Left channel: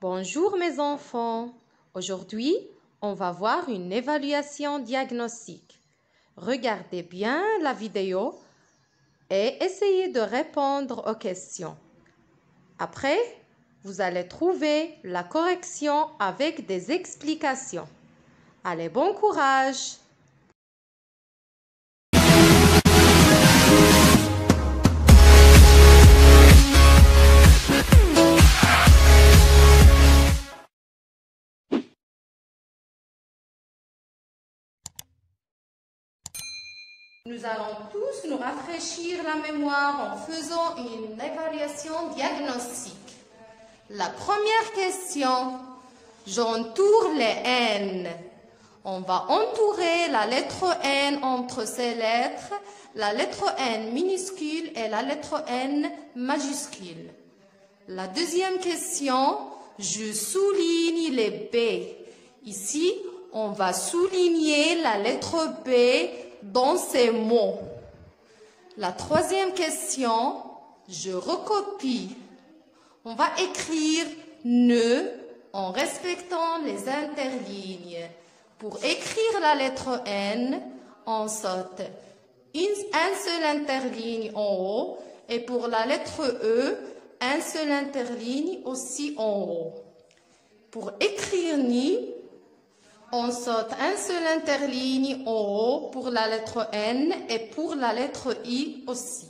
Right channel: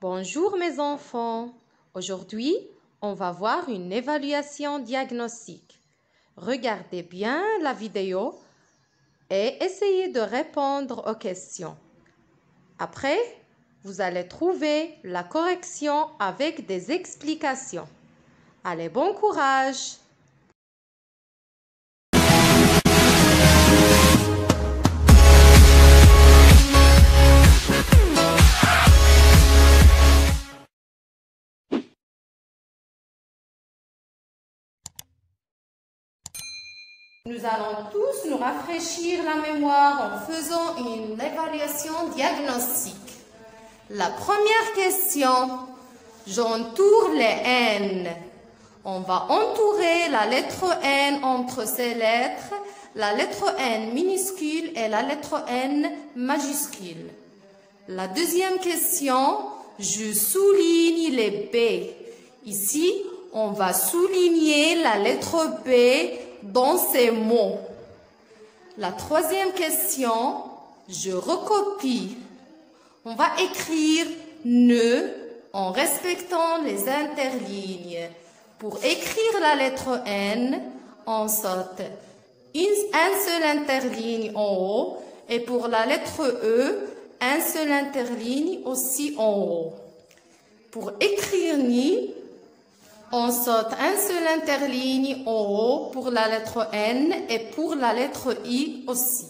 Bonjour mes enfants. Aujourd'hui, on va voir une évaluation diagnostique. Regardez bien la vidéo et essayez de répondre aux questions. Après, vous allez trouver la correction avec des explications. Allez, bon courage! Nous allons tous nous rafraîchir la mémoire en faisant une évaluation diagnostique. La première question, j'entoure les N. On va entourer la lettre N entre ces lettres, la lettre N minuscule et la lettre N majuscule. La deuxième question, je souligne les B. Ici, on va souligner la lettre B dans ces mots. La troisième question, je recopie. On va écrire ne en respectant les interlignes. Pour écrire la lettre N, on saute un seul interligne en haut et pour la lettre E, un seul interligne aussi en haut. Pour écrire ni, on saute un seul interligne en haut pour la lettre N et pour la lettre I aussi.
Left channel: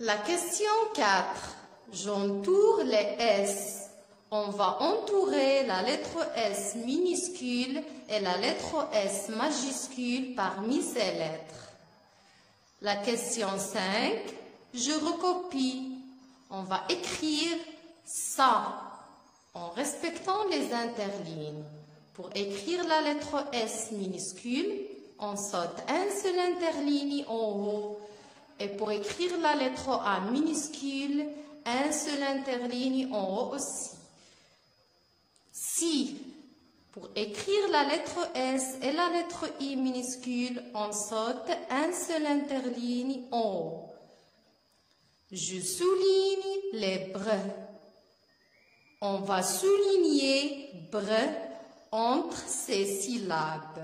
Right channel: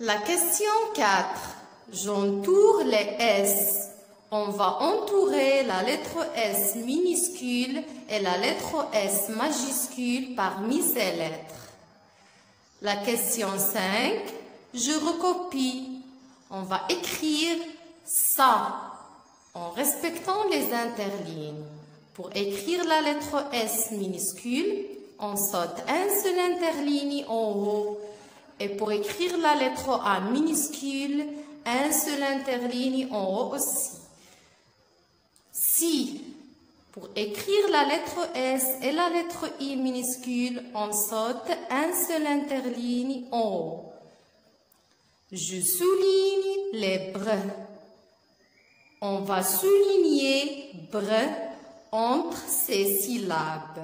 La question 4. J'entoure les S. On va entourer la lettre S minuscule et la lettre S majuscule parmi ces lettres. La question 5. Je recopie. On va écrire ça en respectant les interlignes. Pour écrire la lettre S minuscule, on saute un seul interligne en haut. Et pour écrire la lettre A minuscule, un seul interligne en haut aussi. Si, pour écrire la lettre S et la lettre I minuscule, on saute un seul interligne en haut. Je souligne les brins. On va souligner brun entre ces syllabes.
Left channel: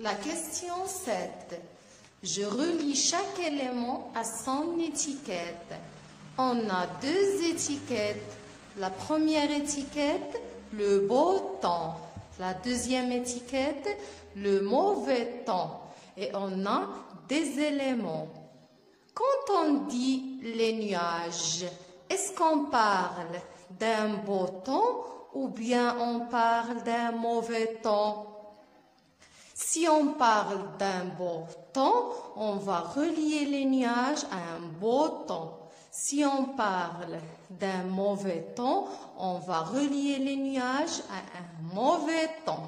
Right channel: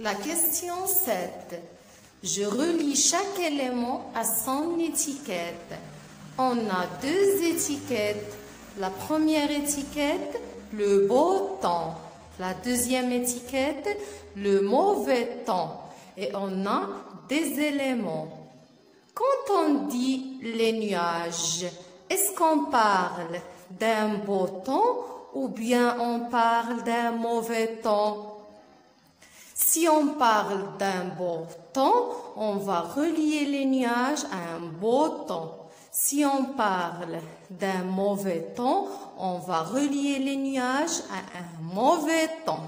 La question 7. Je relis chaque élément à son étiquette. On a deux étiquettes. La première étiquette, le beau temps. La deuxième étiquette, le mauvais temps. Et on a des éléments. Quand on dit les nuages, est-ce qu'on parle d'un beau temps ou bien on parle d'un mauvais temps? Si on parle d'un beau temps, on va relier les nuages à un beau temps. Si on parle d'un mauvais temps, on va relier les nuages à un mauvais temps.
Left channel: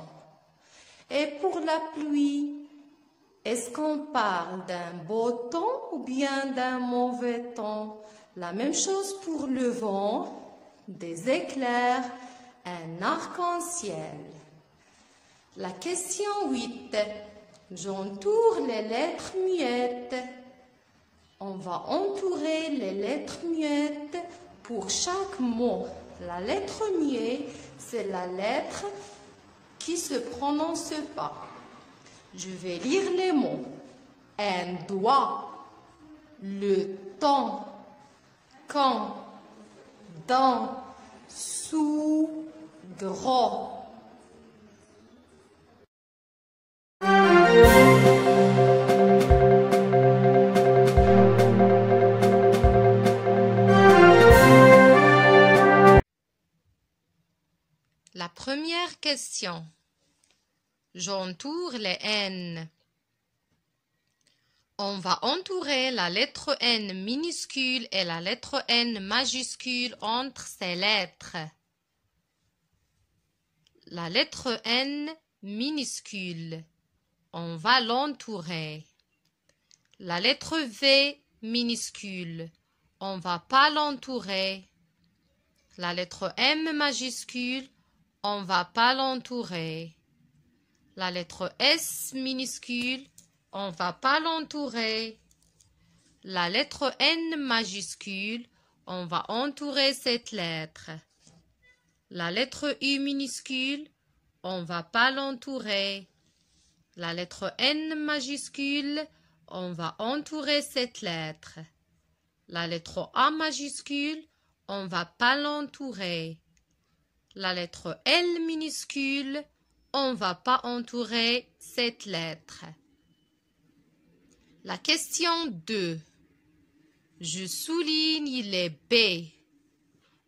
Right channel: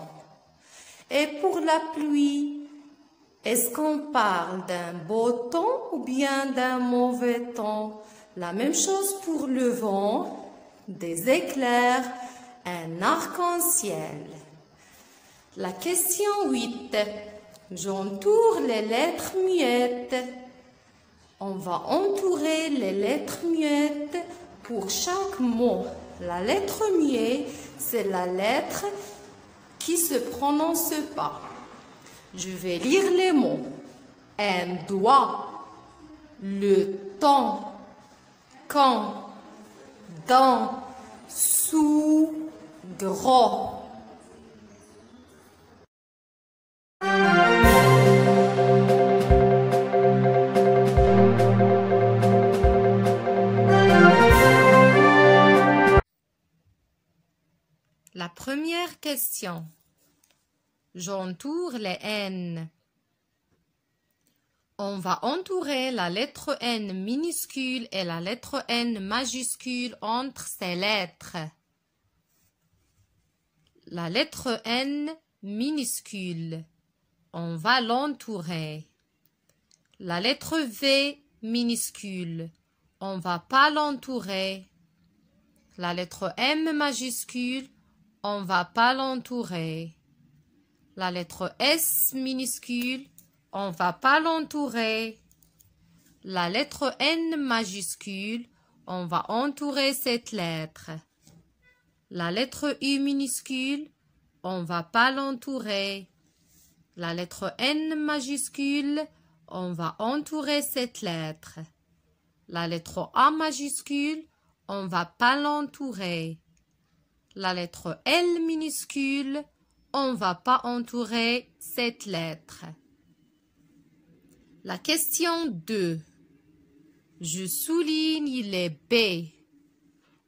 Et pour la pluie, est-ce qu'on parle d'un beau temps ou bien d'un mauvais temps? La même chose pour le vent, des éclairs, un arc-en-ciel. La question 8. J'entoure les lettres muettes. On va entourer les lettres muettes pour chaque mot. La lettre muette, c'est la lettre qui ne se prononce pas. Je vais lire les mots. Un doigt, le temps, quand, dans, sous, gros. La première question. J'entoure les N. On va entourer la lettre N minuscule et la lettre N majuscule entre ces lettres. La lettre N minuscule, on va l'entourer. La lettre V minuscule, on va pas l'entourer. La lettre M majuscule, on va pas l'entourer. La lettre S minuscule, on va pas l'entourer. la lettre N majuscule, on va entourer cette lettre. La lettre U minuscule, on va pas l'entourer. La lettre N majuscule, on va entourer cette lettre. La lettre A majuscule, on va pas l'entourer. La lettre L minuscule, on va pas entourer cette lettre. La question 2. Je souligne les B.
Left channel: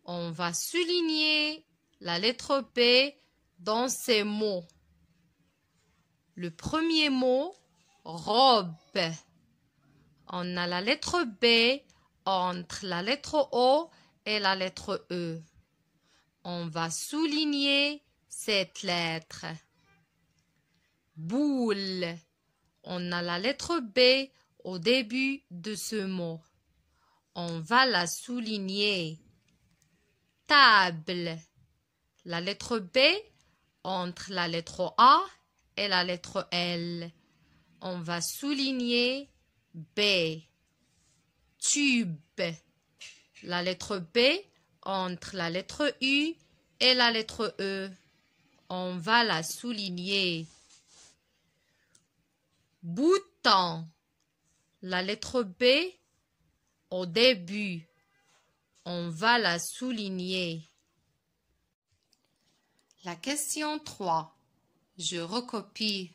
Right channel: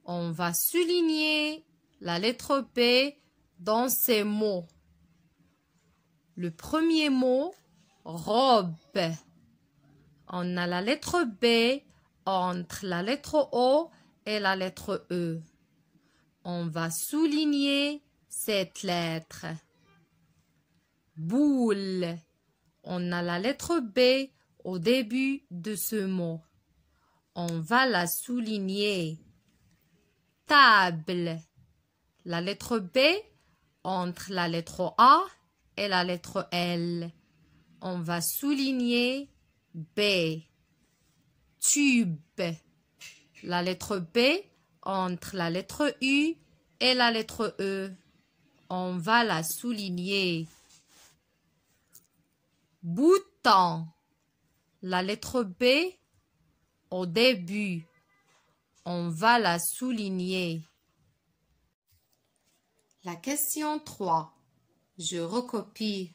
On va souligner la lettre B dans ces mots. Le premier mot, robe. On a la lettre B entre la lettre O et la lettre E. On va souligner cette lettre. Boule. On a la lettre B au début de ce mot. On va la souligner. Table. La lettre B entre la lettre A et la lettre L. On va souligner B. Tube. La lettre B entre la lettre U et la lettre E. On va la souligner. Bouton. La lettre B au début. On va la souligner. La question 3. Je recopie.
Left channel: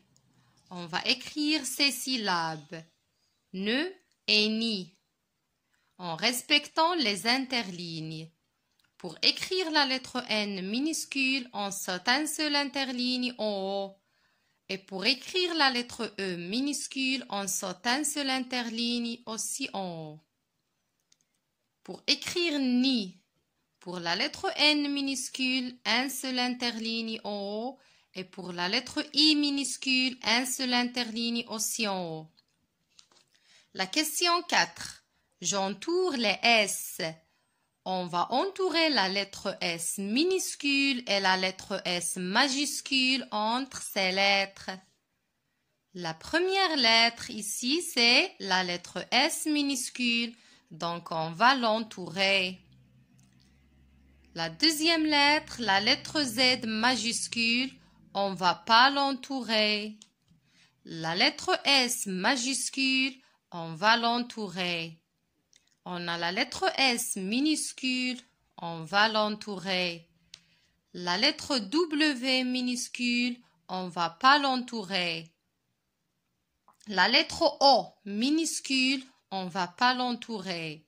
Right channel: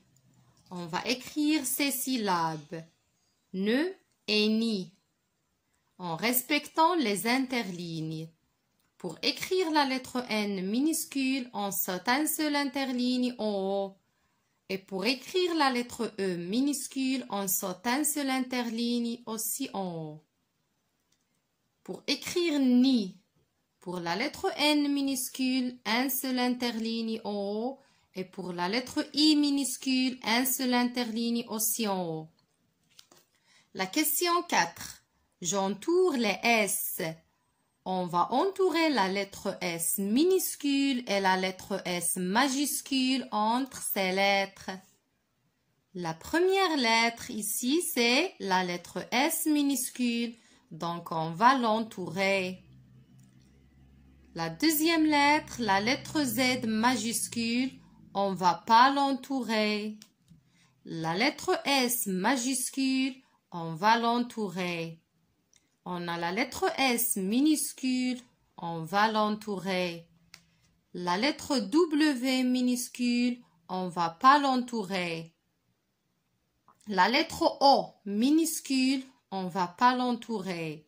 On va écrire ces syllabes. Ne et ni. En respectant les interlignes. Pour écrire la lettre N minuscule, on saute un seul interligne en haut. Et pour écrire la lettre E minuscule, on saute un seul interligne aussi en haut. Pour écrire ni, pour la lettre N minuscule, un seul interligne en haut. Et pour la lettre I minuscule, un seul interligne aussi en haut. La question 4. J'entoure les S. On va entourer la lettre S minuscule et la lettre S majuscule entre ces lettres. La première lettre ici, c'est la lettre S minuscule, donc on va l'entourer. La deuxième lettre, la lettre Z majuscule, on va pas l'entourer. La lettre S majuscule, on va l'entourer. On a la lettre S minuscule, on va l'entourer. La lettre W minuscule, on va pas l'entourer. La lettre O minuscule, on va pas l'entourer.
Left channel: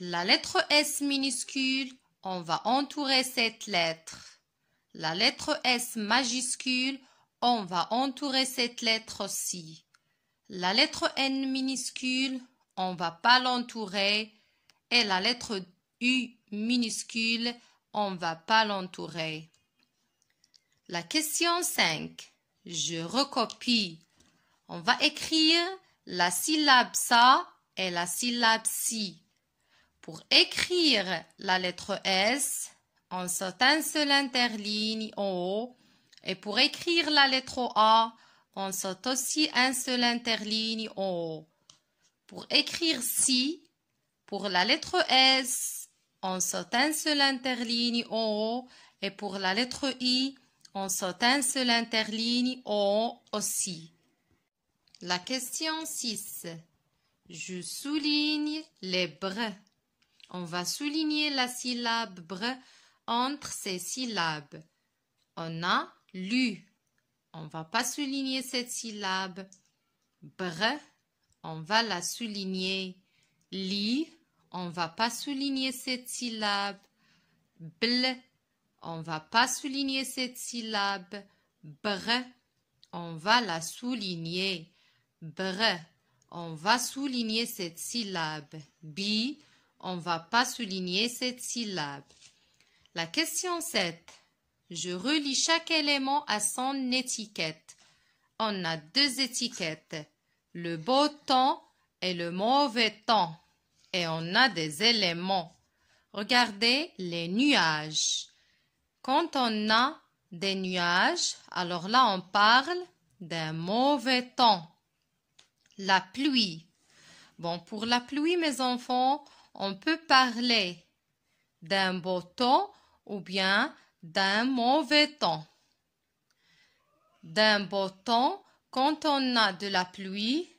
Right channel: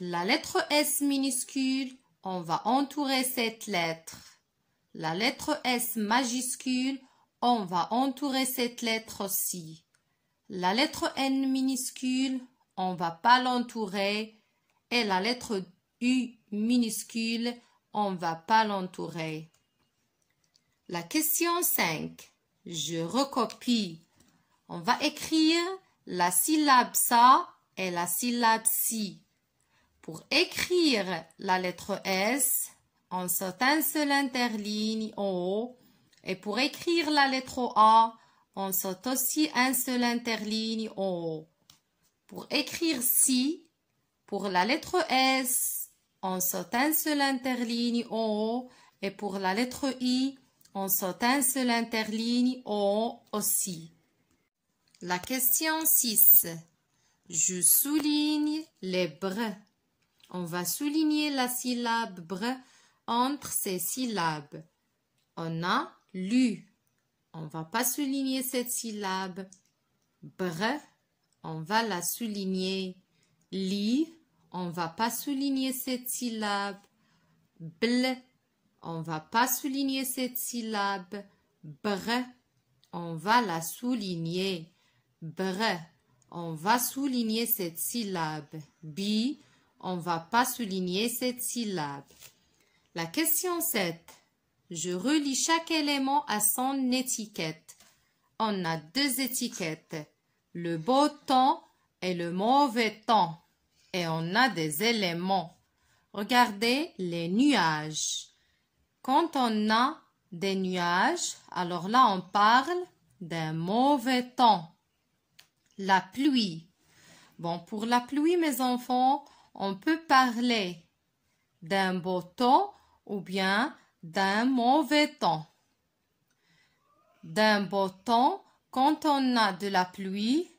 La lettre S minuscule, on va entourer cette lettre. La lettre S majuscule, on va entourer cette lettre aussi. La lettre N minuscule, on va pas l'entourer. Et la lettre U minuscule, on va pas l'entourer. La question 5. Je recopie. On va écrire la syllabe SA et la syllabe SI. Pour écrire la lettre S, on saute un seul interligne en haut. Et pour écrire la lettre A, on saute aussi un seul interligne en haut. Pour écrire SI, pour la lettre S, on saute un seul interligne en haut. Et pour la lettre I, on saute un seul interligne en haut aussi. La question 6. Je souligne les br. On va souligner la syllabe br entre ces syllabes. On a lu. On va pas souligner cette syllabe. Br, on va la souligner. Li, on va pas souligner cette syllabe. Bl, on va pas souligner cette syllabe. Br, on va la souligner. Br, on va souligner cette syllabe. Bi, on va pas souligner cette syllabe. La question 7. Je relie chaque élément à son étiquette. On a deux étiquettes, le beau temps et le mauvais temps. Et on a des éléments. Regardez les nuages. Quand on a des nuages, alors là on parle d'un mauvais temps. La pluie. Bon, pour la pluie, mes enfants, on peut parler d'un beau temps ou bien d'un mauvais temps. D'un beau temps, quand on a de la pluie,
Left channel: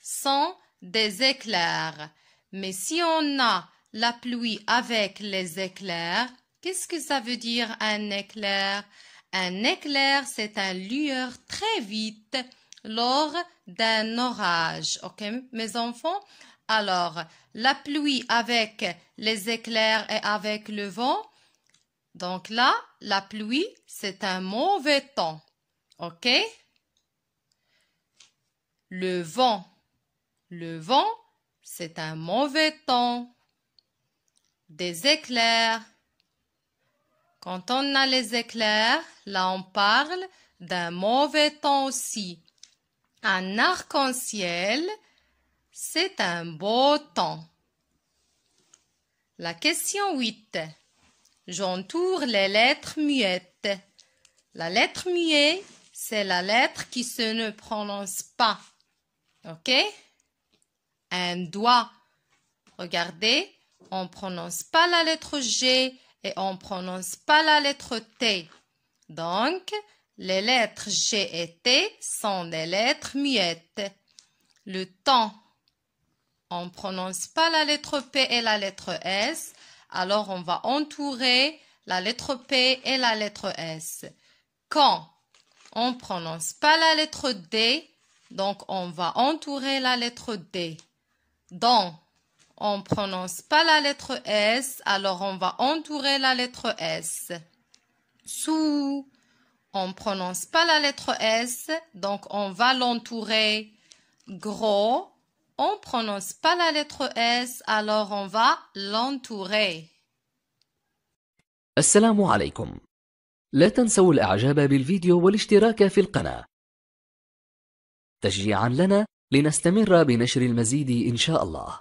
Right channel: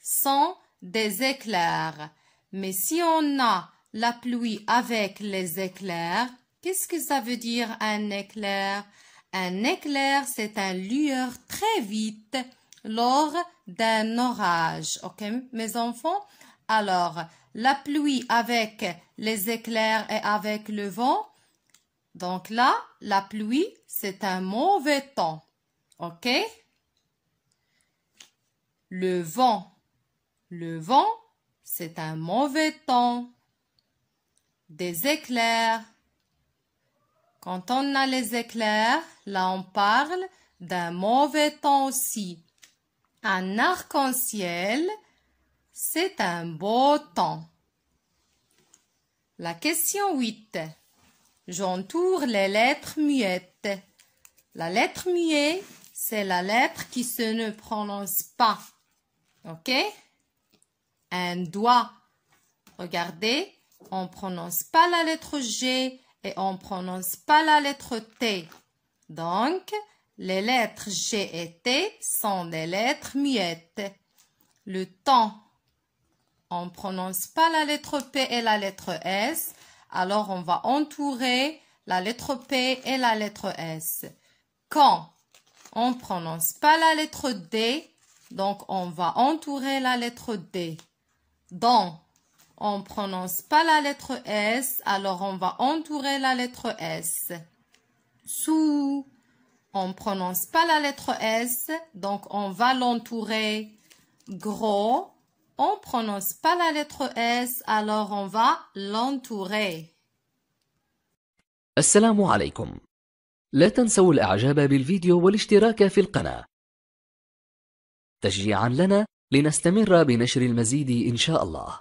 sans des éclairs. Mais si on a la pluie avec les éclairs, qu'est-ce que ça veut dire un éclair? Un éclair, c'est une lueur très vite lors d'un orage. Ok, mes enfants? Alors, la pluie avec les éclairs et avec le vent. Donc là, la pluie, c'est un mauvais temps. Ok? Le vent. Le vent, c'est un mauvais temps. Des éclairs. Quand on a les éclairs, là on parle d'un mauvais temps aussi. Un arc-en-ciel, c'est un beau temps. La question 8. J'entoure les lettres muettes. La lettre muette, c'est la lettre qui se ne prononce pas. Ok? Un doigt. Regardez, on ne prononce pas la lettre G et on ne prononce pas la lettre T. Donc, les lettres G et T sont des lettres muettes. Le temps, on ne prononce pas la lettre P et la lettre S, alors on va entourer la lettre P et la lettre S. Quand, on ne prononce pas la lettre D, donc on va entourer la lettre D. Dans, on ne prononce pas la lettre S, alors on va entourer la lettre S. Sous, on ne prononce pas la lettre S, donc on va l'entourer. Gros, on ne prononce pas la lettre S, alors on va l'entourer. السلام عليكم. لا تنسوا الإعجاب بالفيديو والاشتراك في القناة تشجيعا لنا لنستمر بنشر المزيد إن شاء الله.